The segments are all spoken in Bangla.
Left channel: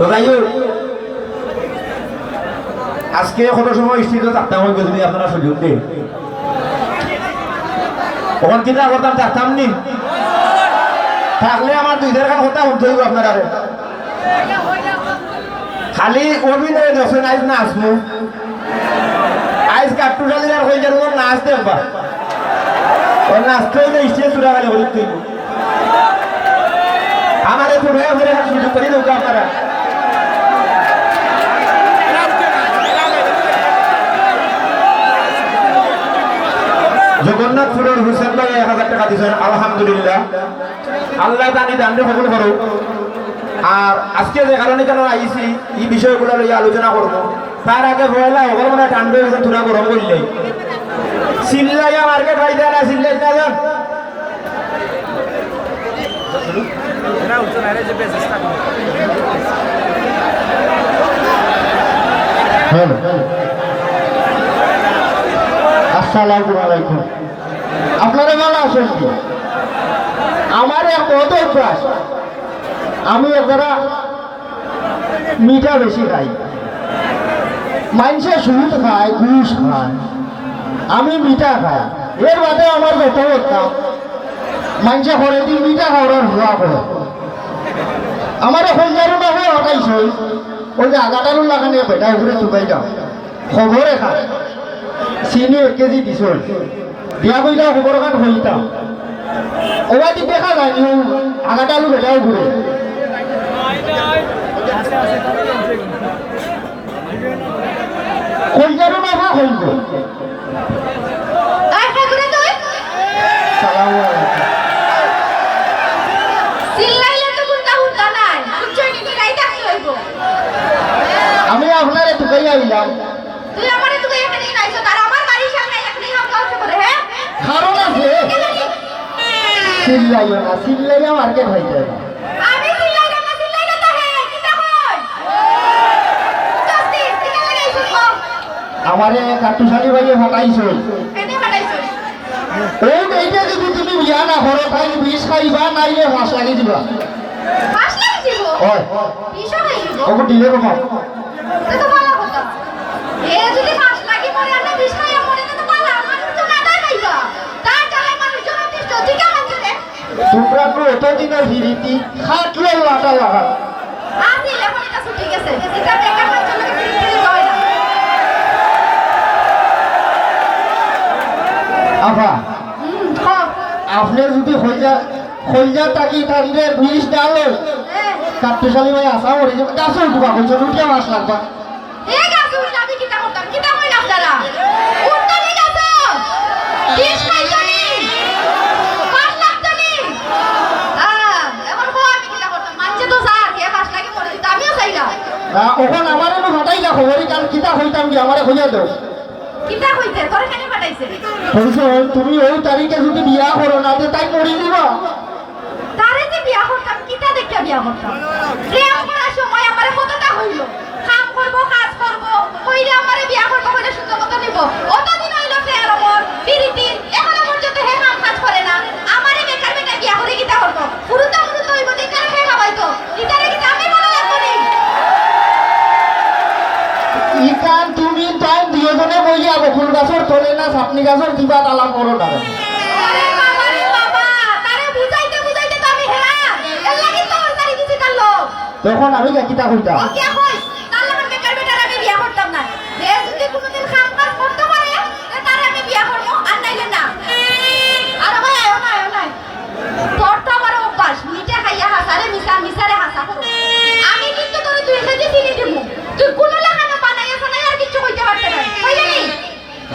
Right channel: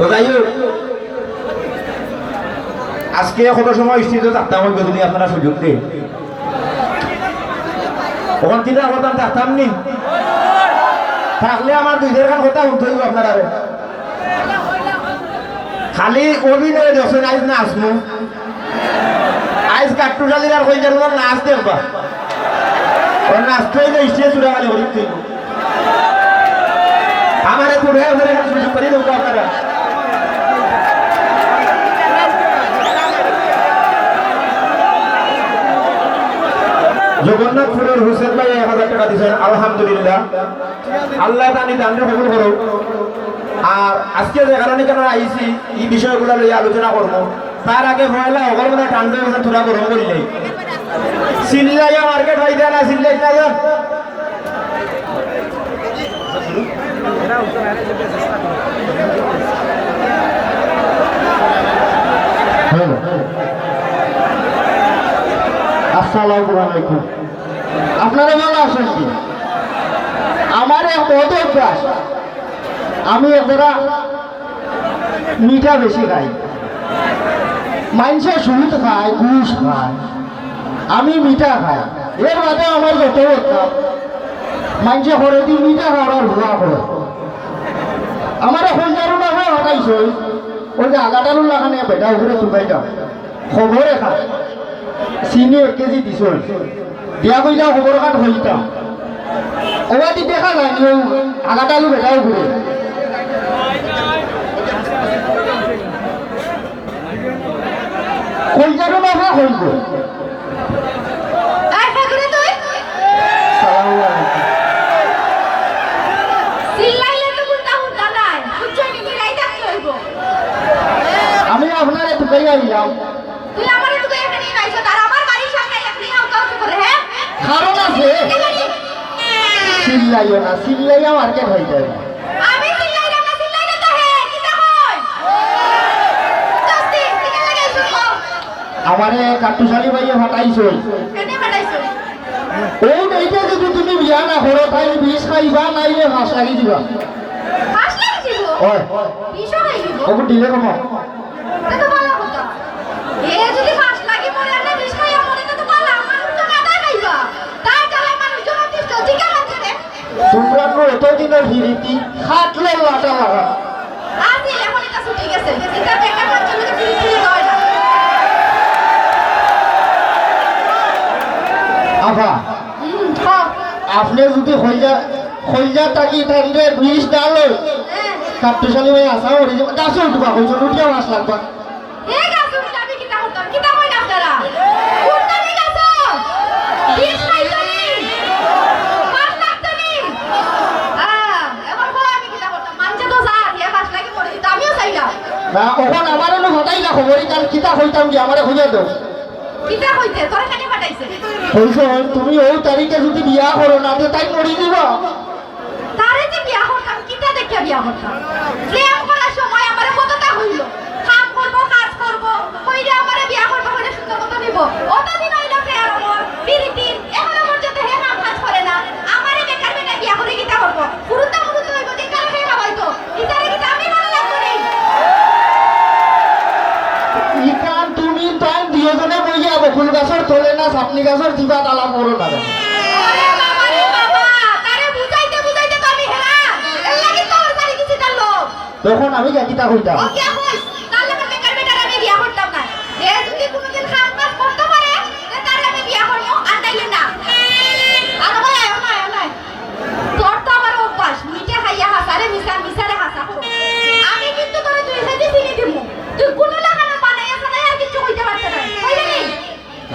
তো যাই হোক আজকে কত সময় স্থিত থাকতাম হইবে যদি আপনারা সুযোগ দিন ওখান কিনা করতাম থাকতাম নি থাকলে আমার দুই দেড় কথা শুনতে হইব আপনারা খালি অভিনয় দেখছেন আজ না আসমু আজ কাট্টু শালির আর হয়ে যাবো নাচ দেখবা ও নাচতে হইলে স্টেজ চূড়া খালি হইতে হইব আমার ঘুরে ঘুরে সুযোগ করে দেবো আপনারা জগন্নাথপুরের হুসেন ভাই 1000 টাকা দিয়েছেন আলহামদুলিল্লাহ আল্লাহ জানি দান্ডে কবুল করুক আর আজকে যে কারণে কেন আইছি এই বিষয়গুলো লইয়া আলোচনা করবো তার আগে ভয়লা ওগুলো মানে ঠান্ডা হয়েছে থোড়া গরম করলেই সিল্লাইয়া মার্কেট হয় দেয় না সিল্লাই না দেন আসসালামু আলাইকুম আপনারা ভালো আছেন কি আমার এক বড় অভ্যাস আমি একবারা মিঠা বেশি খাই মানুষের সুদ খায় ঘুষ খায় আমি মিঠা খাই এর বাদে আমার যত করতাম মানুষে করে দিই মিঠা খাওয়ার ভুয়া করে আমার এখন যারও না হয় হটাইছে ওই যে আগাটারও লাগানে বেটা ঘুরে চুকাই দাও খবরে খায় চিনি 1 কেজি দিছ দিয়া কইলা খবর কাট হইতাম ওবাদি দেখা যায় নি আগাটালু বেটাও ঘুরে কোন যারো না হয় হইব সালাম আলাইকুম সিল্লাইলে তো কোনটা হুদা নাই বুঝছনি কি রাইতা কি হইব আমি আপনারে টুকাই আইলাম তুই আমারে তুই এখানে নাইছ তার আমার বাড়ির সামনে এখানে হাউ কাউকে করে হ্যাঁ কারণ আছে সিল্লাইও না সিল্লাইয়া মার্কেট হইতে আমি সিল্লাইরা না সিল্লাইরা তো হে কিটা কই জাস্তি কিটা লাগাইছ কম আমারে কাটুশালি ভাইয়ে হটাইছো কেনে বাড়াইছ এই এইটা যদি তুমি বিয়া না করো তাই বিষ খাইবা নাইলে হাস লাগি দিবা পাস লাগিছিল ওই বিশ হইছিল ওকে দিলে কমা তো ভালো কথা এ যদি পাস লাগি পড়ে না বিশ খাইয়া মরে তো পালা মানুষ তো না খাইবা তাই চালাই মানুষ জন তিষ্ট ঠিক আছে রে তোমরা তো এতদিনের ফিরিতি খাটলে লাটা লাগা আজি লেখন এটা ছুটি গেছে এটা বেকার মানুষকে ফিরি হয় না আফা খাও আপনি যদি হইয়া তাকি থাকলে বিষ ডালো কাটুশালি ভাই আসা ওরে গাছও ঢুকা কইছো রুটিয়া মাছ লাগবা এ গাছ উল্টাবি কিটা করতাম কিটা কই না আপনারা উল্টাবি গাছ বিশ খাইছনি পাঁচ লাগছনি এবার কো আমি কিটা করতাম মানছে তো যা এ পাঁচ লাগি মরে দিত আমিও চাইলাম না ওখান আমারে নো হটাই না খবরই কাল কিতা হইতাম কি আমারে হইয়া দাও কিটা হইছে তোরে কেন পাঠাইছে কইছো তুমি ওই তারিখে যদি বিয়া করো না তো তাই মরি দিবা তারে যে বিয়া করতাম কিটা দেখে বিয়া করতাম প্রেম করার সময় আমারে কতটা হইল কাম করব কাজ করব কইরা আমারে বিয়া করব কইরা সুন্দর কথা নিব অতদিন হইল কে আর আমার পিরিতি এখনো পর্যন্ত হে কাম কাজ করে না আমারে বেকার বেটা বিয়া করে কিটা করব পুরুতা পুরুতা হইব যে কারে হে খাওয়াইতো ইতারে কিটা আমি ভালো লাগবো নি ইকান তুমি তাই দুজনে বইয়া বকুল গাছর তোলে না সাপনি গাছর দিবা তালা করো না আরে বাবা রে বাবা তারে বুঝাইতে বুঝাইতে তো আমি হেরা এর লাগি তো আর বাড়ি দিছি তার লোক তখন আমি কিতা কইতাম ও কি কইস তার লগের বেকার বেটার আমি বিয়া করতাম না এ যদি কোনোদিন কাম কাজ করতে পারে তারে আমি বিয়া করব আর নাইলে না আর ভাই আয় না তোর তো আমার অভ্যাস মিঠা খাইয়া হাসারে মিসারে হাসা করো আমি কিন্তু তোরে তুই এসে চিনি দিমু তুই কোন লাগানো বানাইছ না আর কিছু কইতে পারছ না কইলি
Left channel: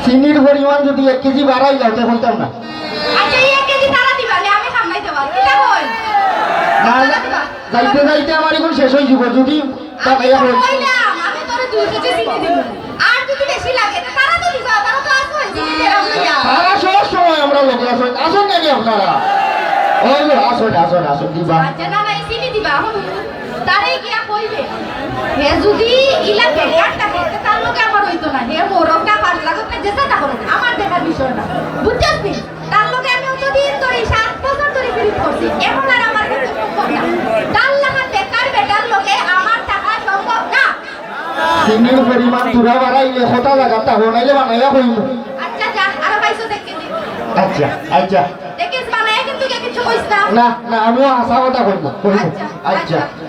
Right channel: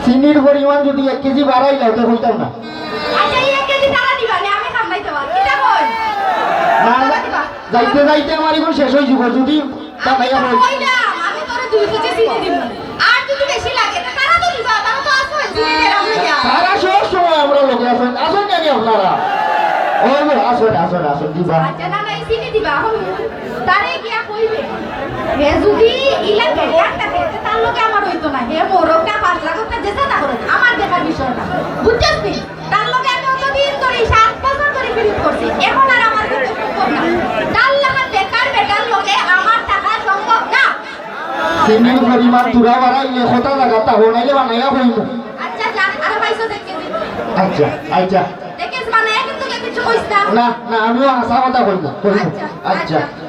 চিনির পরিমাণ যদি 1 কেজি বাড়াই যাও তো কইতাম না আচ্ছা এই 1 কেজি তারা দিবা নে আমি সামলাইতে পারব কিটা কই না যাইতে যাইতে আমার এখন শেষ হয়ে যাব যদি বানাইয়া হই আমি তোরে 2 কেজি চিনি দিমু আর যদি বেশি লাগে তারা তো দিবা তারা তো আছে চিনি দেরাম লইয়া সারা সব সময় আমরা লোকে আসুন নাকি আপনারা ওই আসুন দিবা আচ্ছা না নাই চিনি দিবা হন তারে গিয়া কইবে হে যদি ইলা বেকার থাকে তার লোকে আমার হইতো না হে মোরকটা 5 লাখ টাকা যেতে তা করে আমার দেখার বিষয় না বুঝছস নি তার লোকে আমি অতদিন ধরে 7 বছর ধরে ফিরিত করছি এখন আর আমার কিছু সম্ভব না তার লাগা বেকার বেটার লোকে আমার টাকা চিনির পরিমাণ তুরা বাড়াইলে কথা জায়গাটা হনাইলে বানাইয়া কইব আচ্ছা যা আরো পাইছো দেখে দি আচ্ছা আচ্ছা দেখিস বানায় কিন্তু কিছু কইছ না না না আমিও হাসা কথা কইব আচ্ছা আচ্ছা আচ্ছা